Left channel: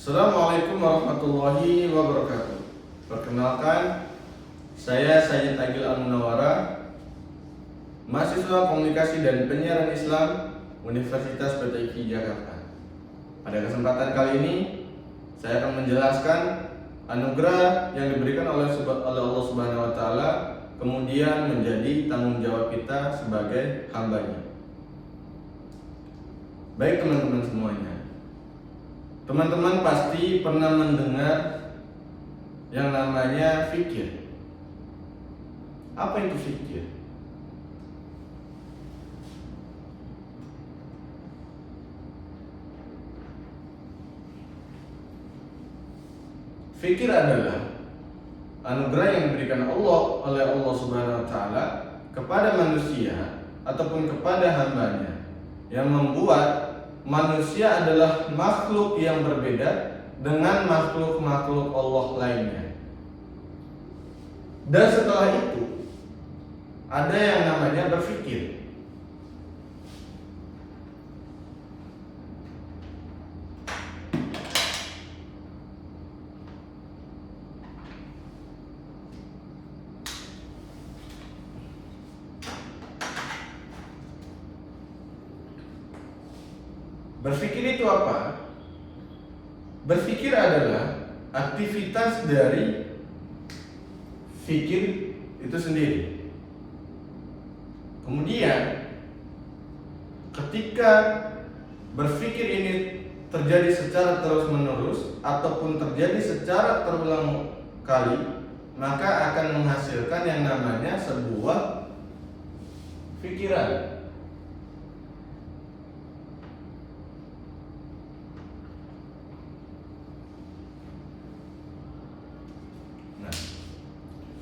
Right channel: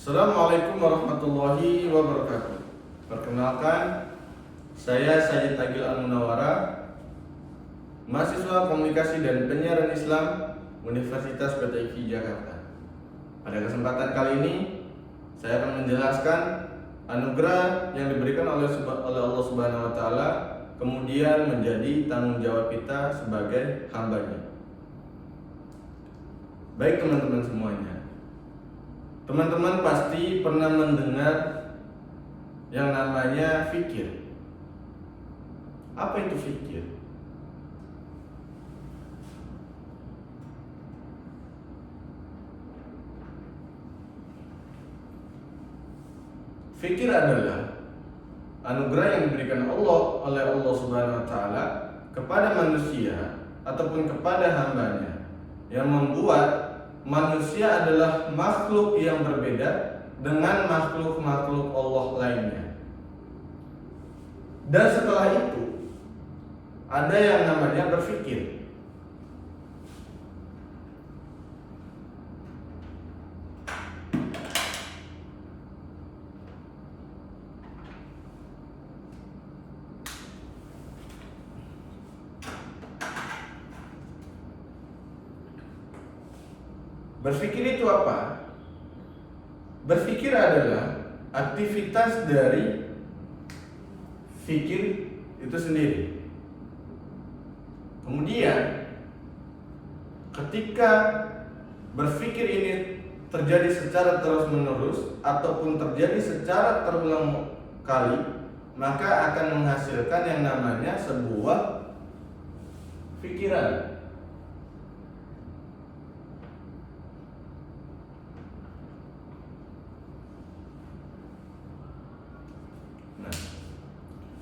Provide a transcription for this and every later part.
Assalamualaikum warahmatullahi wabarakatuh. Perkenalkan, saya Sayyid Agil Al-Munawara, mahasiswa Komunikasi dan Penyiaran Islam Universitas PTIQ Jakarta. Pada kesempatan kali ini, saya akan menjelaskan anugerah yang diberikan oleh Allah Subhanahu wa Ta'ala, kemudian menjadi tanggung jawab kita sebagai hambanya. Baik teman-teman semuanya, teman-teman pasti pernah mendengar yang namanya fikir. Apa itu fikir? Fikir adalah anugerah yang diberikan oleh Allah Subhanahu wa Ta'ala kepada manusia ataupun kepada hambanya, yang membuat manusia adalah makhluk yang berbeda dengan makhluk-makhluk Allah lainnya. Dan setelah itu ada yang namanya berpikir. Berpikir itu apa? Berpikir adalah aktivitas dari fikir itu sendiri. Kemudian ketika berpikir ini terjadi secara terus-menerus ataupun terjadi secara terulang kali, maka akan menghasilkan yang namanya sebuah pikiran.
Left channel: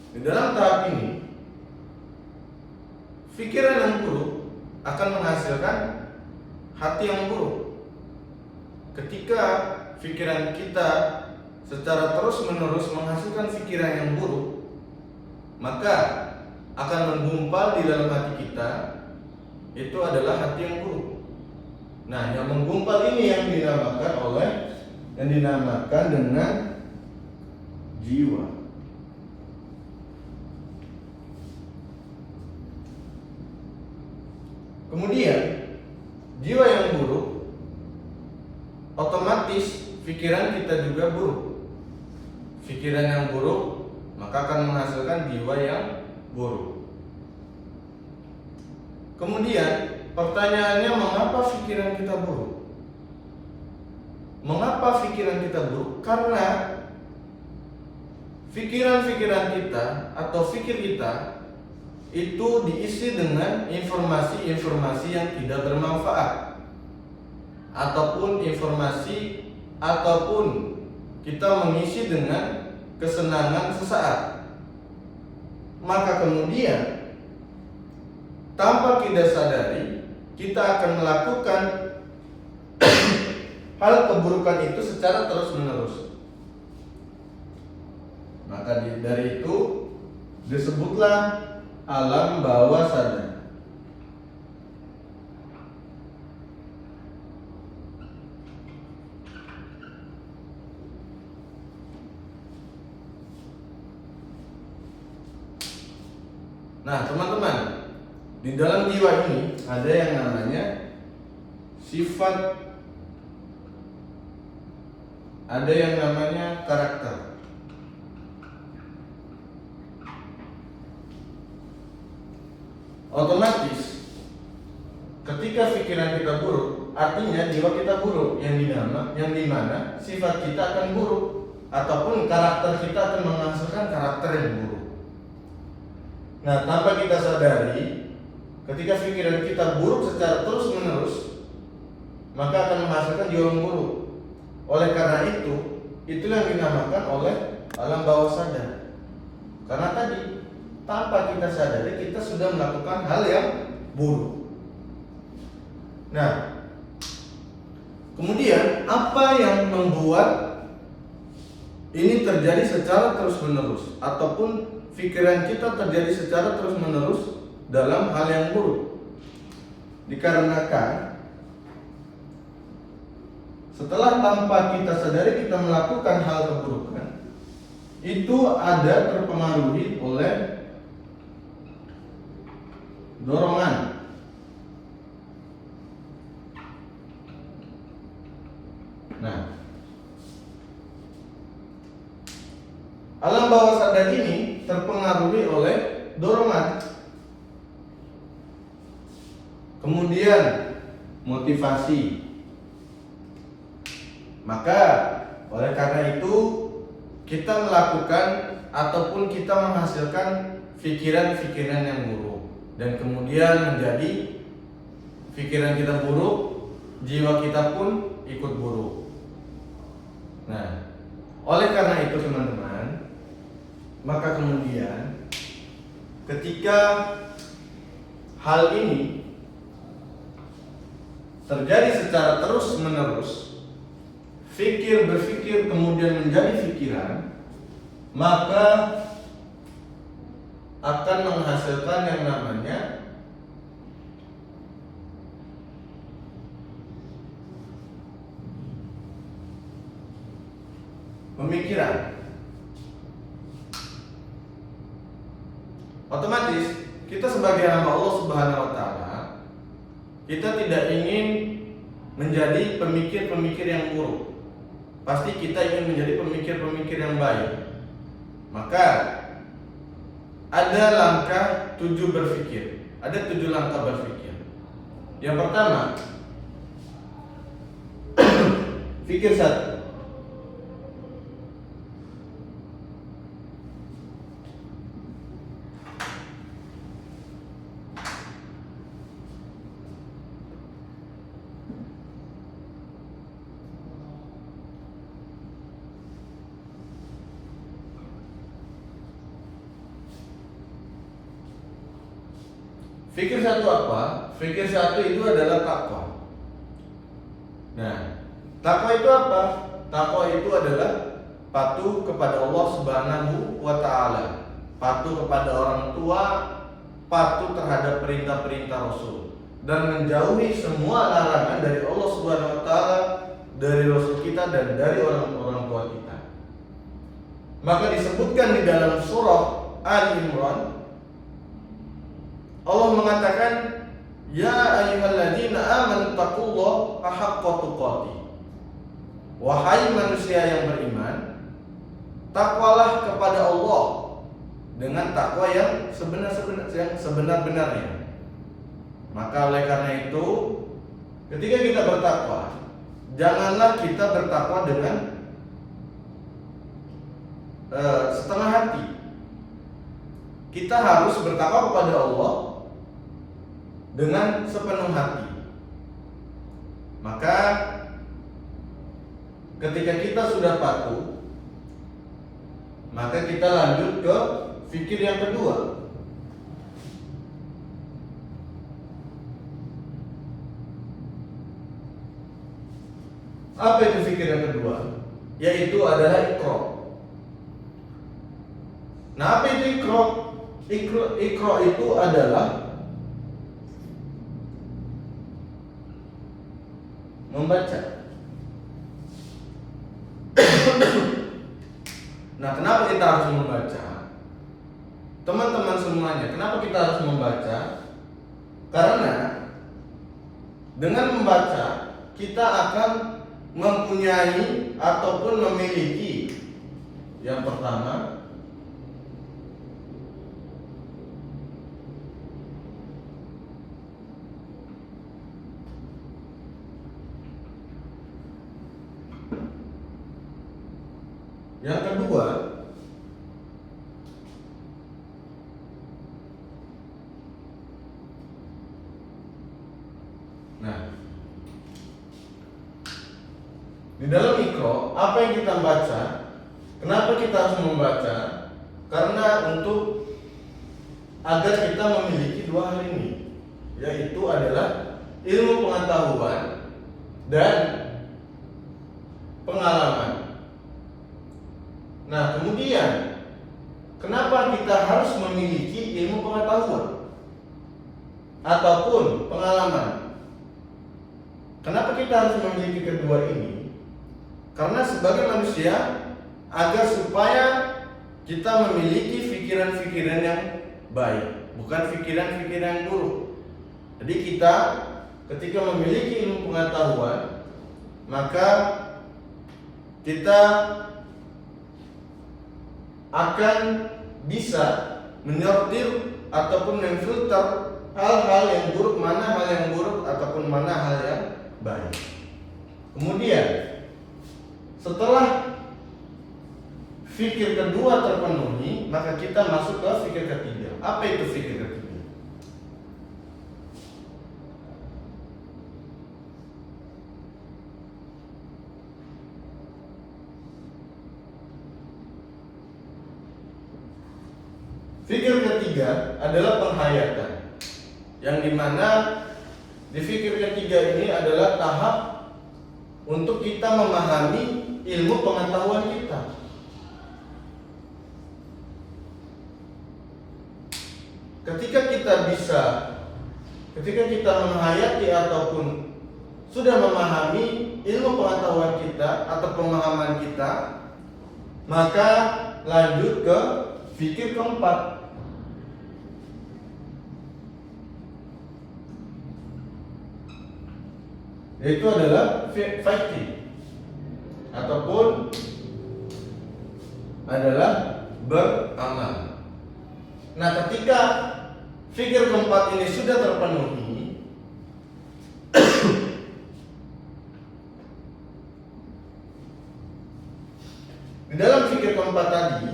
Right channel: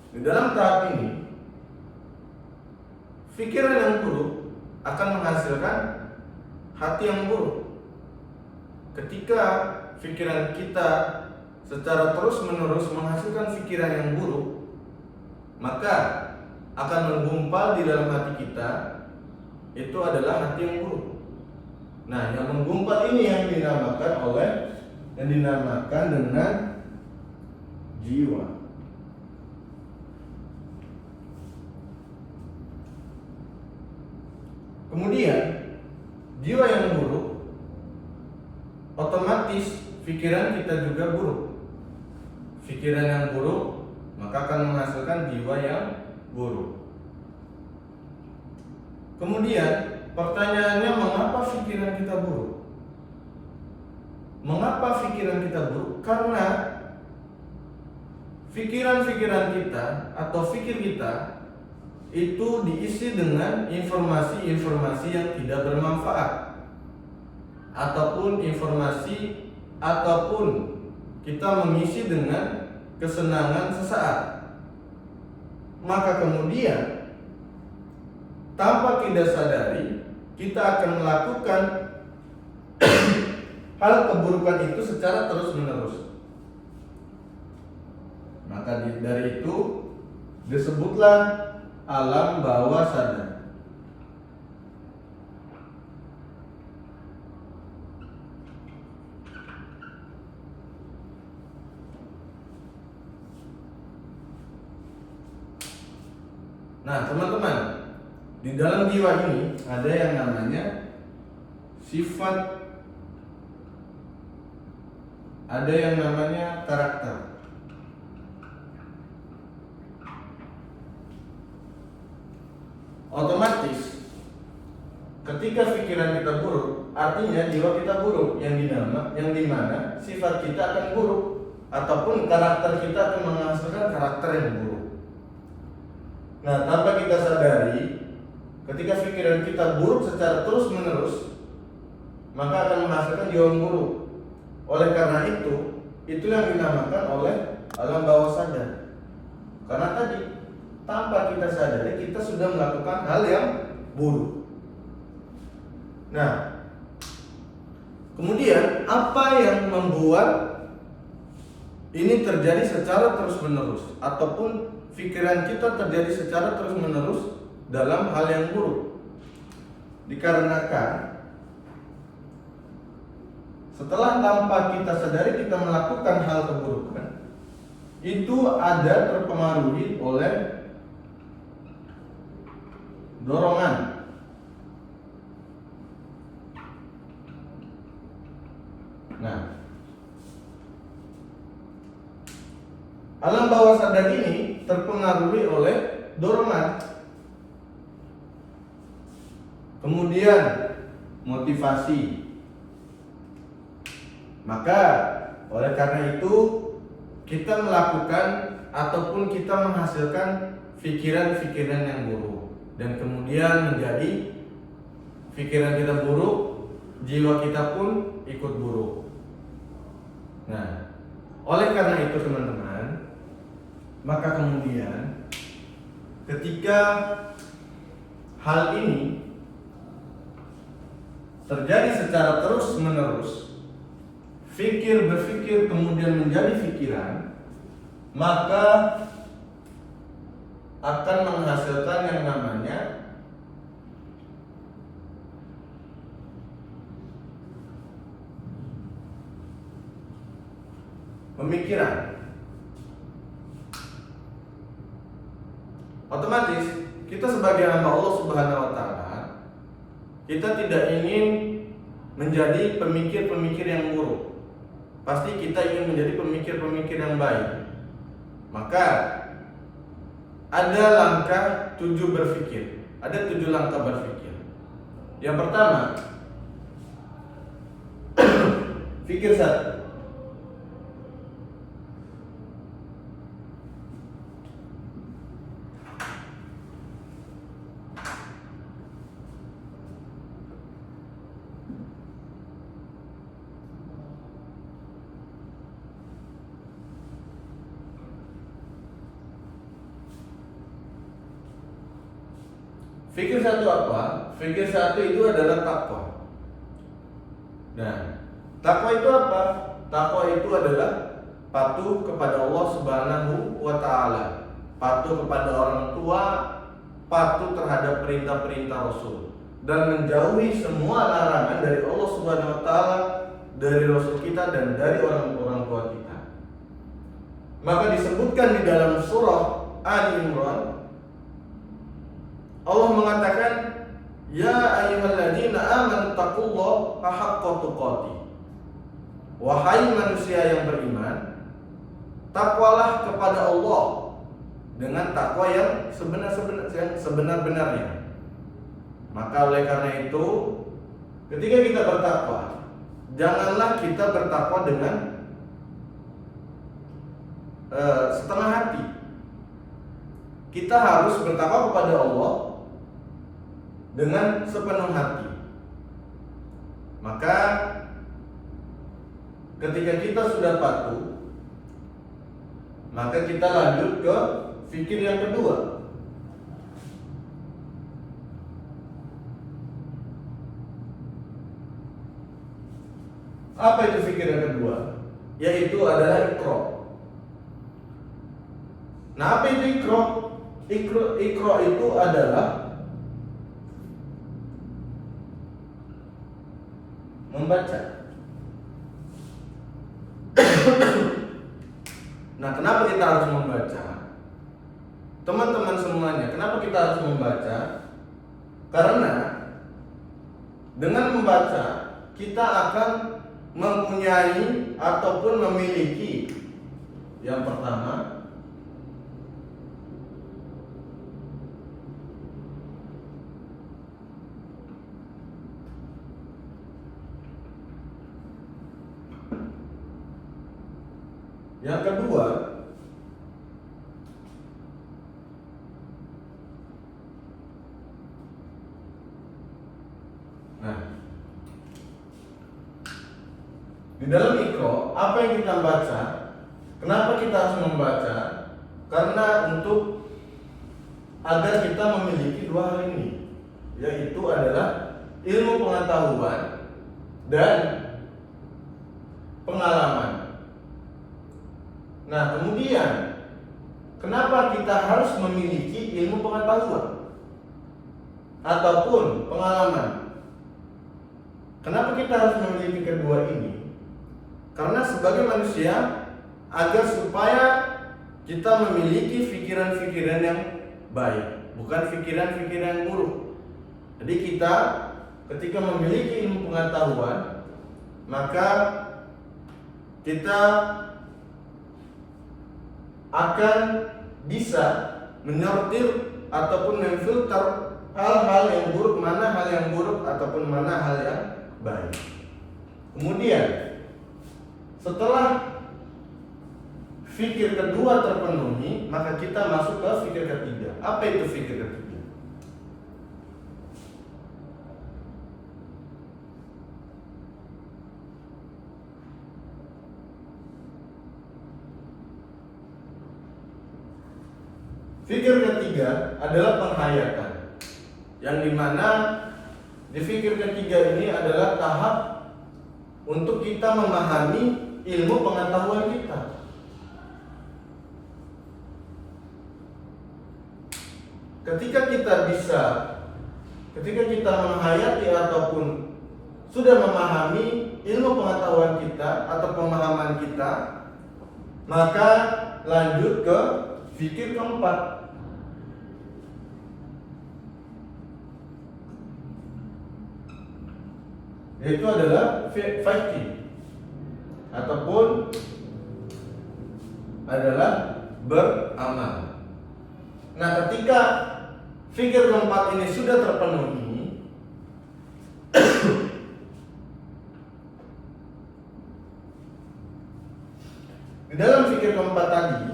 Di dalam tahap ini, pikiran yang buruk akan menghasilkan hati yang buruk. Ketika pikiran kita secara terus-menerus menghasilkan pikiran yang buruk, maka akan menggumpal di dalam hati kita, itu adalah hati yang buruk. Nah, yang menggumpal ini yang dinamakan dengan jiwa. Kemudian jiwa yang buruk, otomatis pikiran kita juga buruk. Pikiran yang buruk maka akan menghasilkan jiwa yang buruk. Kemudian pertanyaannya, mengapa pikiran kita buruk? Mengapa pikiran kita buruk? Karena pikiran-pikiran kita atau pikir kita itu diisi dengan informasi-informasi yang tidak bermanfaat, ataupun kita mengisi dengan kesenangan sesaat. Maka kemudian tanpa kita sadari, kita akan melakukan hal keburukan itu secara terus-menerus. Maka dari itu disebutlah alam bawah sadar. Nah, teman-teman, di dalam jiwa ini ada yang namanya sifat, ada yang namanya karakter. Otomatis ketika pikiran kita buruk, artinya jiwa kita buruk, yang dimana sifat kita akan buruk, ataupun karakter kita akan menghasilkan karakter yang buruk. Nah, tanpa kita sadari, ketika pikiran kita buruk secara terus-menerus, maka akan menghasilkan jiwa yang buruk. Oleh karena itu yang dinamakan oleh alam bawah sadar. Karena tadi tanpa kita sadari, kita sudah melakukan hal yang buruk. Nah, kemudian apa yang membuat ini terjadi secara terus-menerus, ataupun pikiran kita terjadi secara terus-menerus dalam hal yang buruk? Dikarenakan setelah tanpa kita sadari kita melakukan hal keburukan, itu ada terpengaruhi oleh dorongan. Nah, alam bawah sadar ini terpengaruhi oleh dorongan. Kemudian motivasi. Maka oleh karena itu kita melakukan ataupun kita menghasilkan pikiran-pikiran yang buruk, dan kemudian menjadi pikiran kita buruk, jiwa kita pun ikut buruk. Nah, oleh karena itu teman-teman, maka kemudian ketika hal ini terjadi secara terus-menerus, berpikir kemudian menjadi pikiran, maka akan menghasilkan yang namanya pemikiran. Otomatis kita sebagai hamba Allah Subhanahu wa taala, kita tidak ingin menjadi pemikir-pemikir yang buruk. Pasti kita ingin menjadi pemikir-pemikir yang baik. Maka ada langkah 7 berpikir. Ada 7 langkah berpikir. Yang pertama, pikir satu. Fikir satu apa? Fikir satu itu adalah takwa. Nah, takwa itu apa? Takwa itu adalah patuh kepada Allah Subhanahu wa taala, patuh kepada orang tua, patuh terhadap perintah-perintah Rasul, dan menjauhi semua larangan dari Allah Subhanahu wa taala, dari Rasul kita dan dari orang tua kita. Maka disebutkan di dalam surah Ali Imran, Allah mengatakan, ya ayyuhalladzina amanu taqullaha haqqa tuqatih. Wahai manusia yang beriman, takwalah kepada Allah dengan takwa yang sebenar-benarnya. Maka oleh karena itu, ketika kita bertakwa, janganlah kita bertakwa dengan setengah hati. Kita harus bertakwa kepada Allah dengan sepenuh hati. Maka ketika kita sudah patuh, maka kita lanjut ke fikir yang kedua. Apa itu fikir yang kedua? Yaitu adalah ikra. Nah, apa itu ikra? Ikra itu adalah membaca. Nah, kenapa kita harus membaca? Teman-teman semuanya, kenapa kita harus membaca? Karena dengan membaca kita akan mempunyai ataupun memiliki yang pertama, yang kedua, nah, di dalam Iqra, apa yang kita baca? Kenapa kita harus membaca? Karena untuk agar kita memiliki dua hal ini, yaitu adalah ilmu pengetahuan dan pengalaman. Nah, kemudian kenapa kita harus memiliki ilmu pengetahuan ataupun pengalaman? Kenapa kita harus memiliki kedua ini? Karena sebagai manusia, agar supaya kita memiliki pikiran-pikiran yang baik, bukan pikiran-pikiran yang buruk. Jadi kita ketika memiliki ilmu pengetahuan, maka kita akan bisa menyortir ataupun memfilter hal-hal yang buruk, mana hal yang buruk ataupun mana hal yang baik. Kemudian setelah fikir kedua terpenuhi, maka kita masuk ke fikir ketiga. Apa itu fikir ketiga? Fikir ketiga adalah penghayatan, yang dimana di fikir ketiga ini adalah tahap untuk kita memahami ilmu pengetahuan kita. Ketika kita menghayati ataupun sudah memahami ilmu pengetahuan kita atau pemahaman kita, maka lanjut ke fikir keempat. Yaitu adalah fighting ataupun adalah beramal. Nah, ketika fikir keempat ini sudah terpenuhi, di dalam fikir keempat tadi,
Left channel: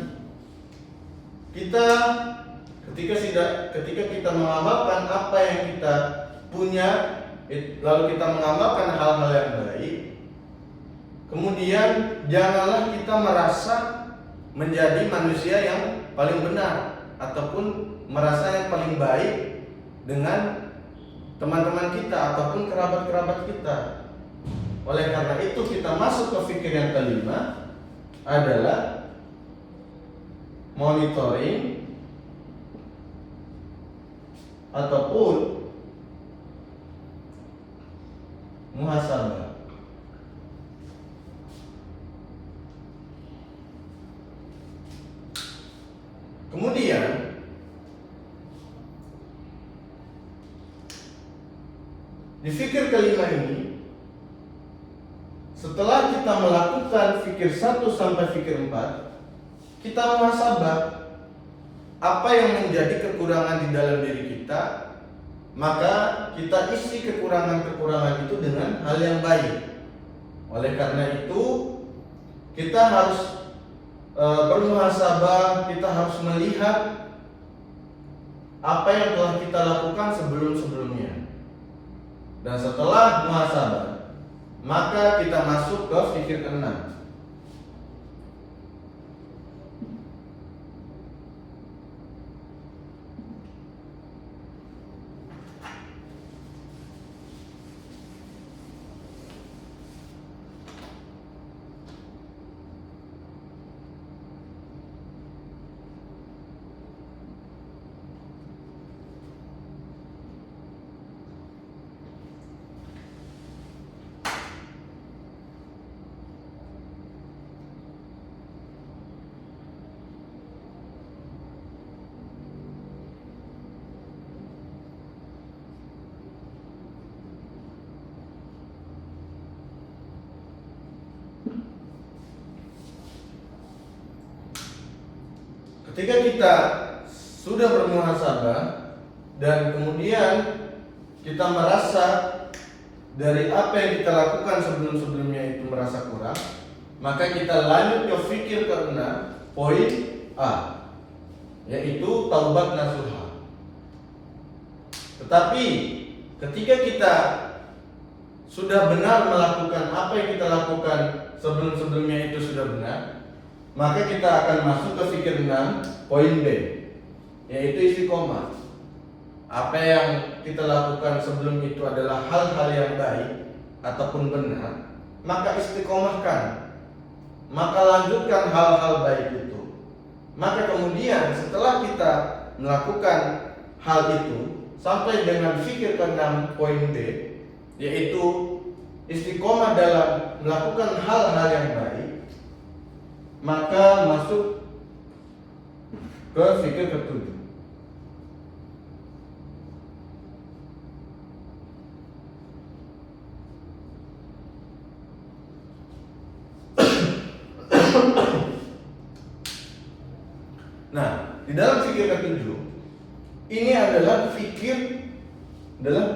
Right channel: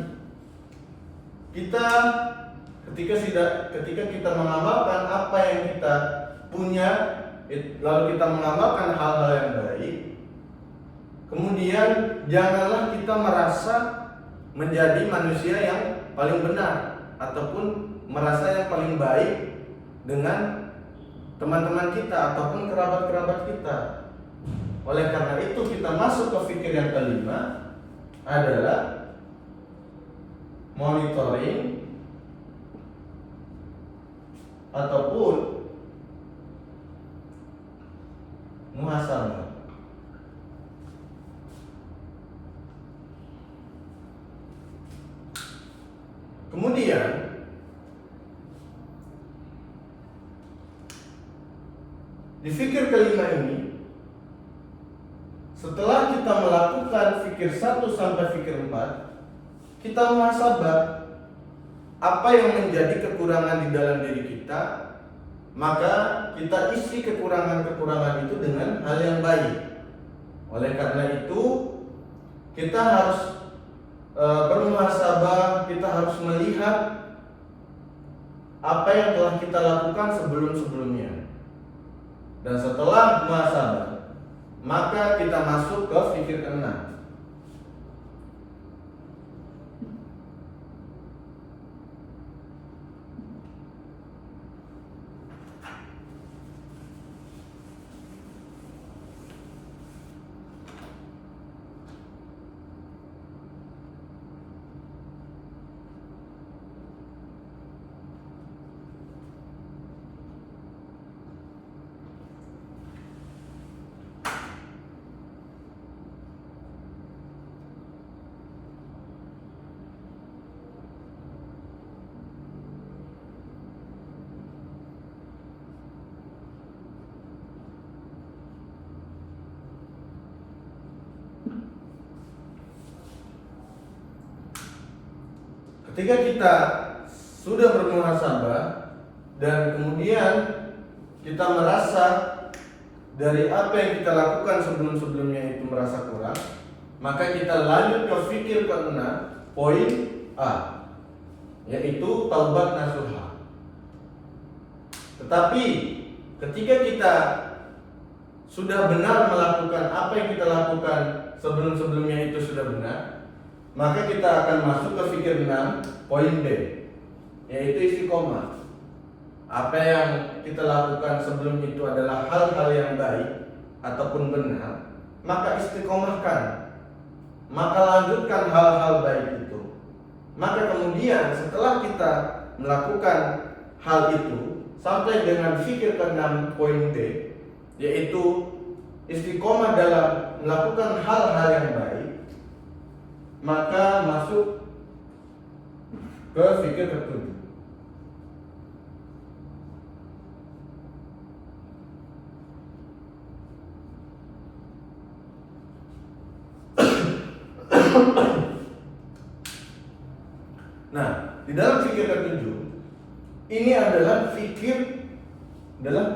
ketika kita mengamalkan apa yang kita punya, lalu kita mengamalkan hal-hal yang baik, kemudian janganlah kita merasa menjadi manusia yang paling benar ataupun merasa yang paling baik dengan teman-teman kita ataupun kerabat-kerabat kita. Oleh karena itu kita masuk ke fikir yang kelima adalah monitoring ataupun muhasabah. Kemudian di fikir kelima ini, setelah kita melakukan fikir 1 sampai fikir 4, kita muhasabah apa yang menjadi kekurangan di dalam diri kita, maka kita isi kekurangan-kekurangan itu dengan hal yang baik. Oleh karena itu kita harus bermuhasabah, kita harus melihat apa yang telah kita lakukan sebelum-sebelumnya. Dan setelah muhasabah, maka kita masuk ke fikir ke-6. Ketika kita sudah bermuhasabah dan kemudian kita merasa dari apa yang kita lakukan sebelum-sebelumnya itu merasa kurang, maka kita lanjut ke fikir ke-6, poin A, yaitu taubat nasuha. Tetapi ketika kita sudah benar melakukan apa yang kita lakukan sebelum-sebelumnya itu sudah benar, maka kita akan masuk ke fikir 6, poin B, yaitu istiqomah. Apa yang kita lakukan sebelum itu adalah hal-hal yang baik ataupun benar, maka istiqomahkan, maka lanjutkan hal-hal baik itu. Maka kemudian setelah kita melakukan hal itu sampai dengan fikir ke-6, poin B, yaitu istiqomah dalam melakukan hal-hal yang baik, maka masuk ke fikir ketujuh. Nah, di dalam fikir ketujuh ini adalah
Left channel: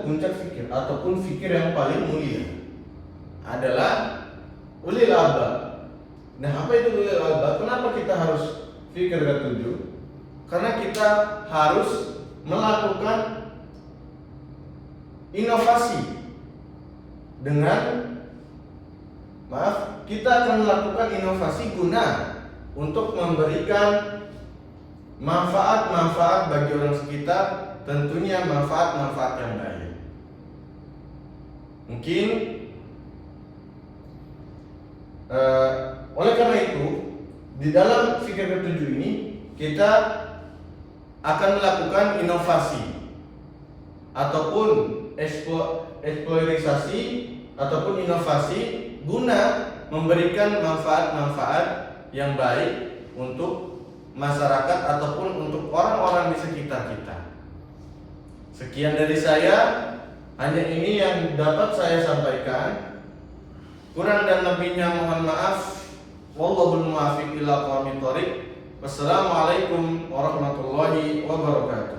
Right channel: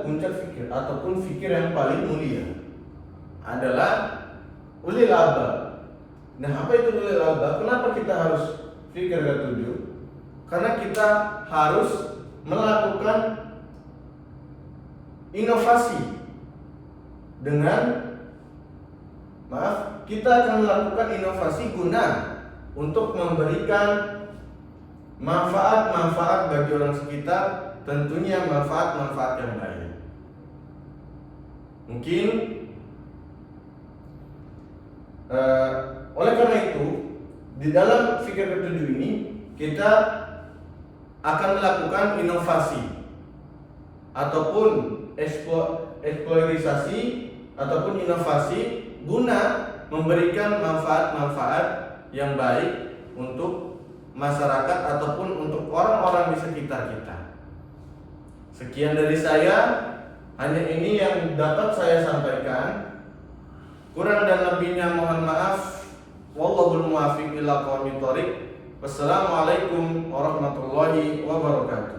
puncak fikir ataupun fikir yang paling mulia adalah ulil albab. Nah, apa itu ulil albab? Kenapa kita harus fikir ketujuh? Karena kita harus melakukan inovasi kita akan melakukan inovasi guna untuk memberikan manfaat-manfaat bagi orang sekitar, tentunya manfaat-manfaat yang baik. Mungkin oleh karena itu, di dalam fikir ketujuh ini kita akan melakukan inovasi ataupun eksplorisasi ataupun inovasi guna memberikan manfaat-manfaat yang baik untuk masyarakat ataupun untuk orang-orang di sekitar kita. Sekian dari saya, hanya ini yang dapat saya sampaikan. Kurang dan lebihnya mohon maaf. Wallahul muwaffiq ila aqwamit thoriq. Wassalamualaikum warahmatullahi wabarakatuh.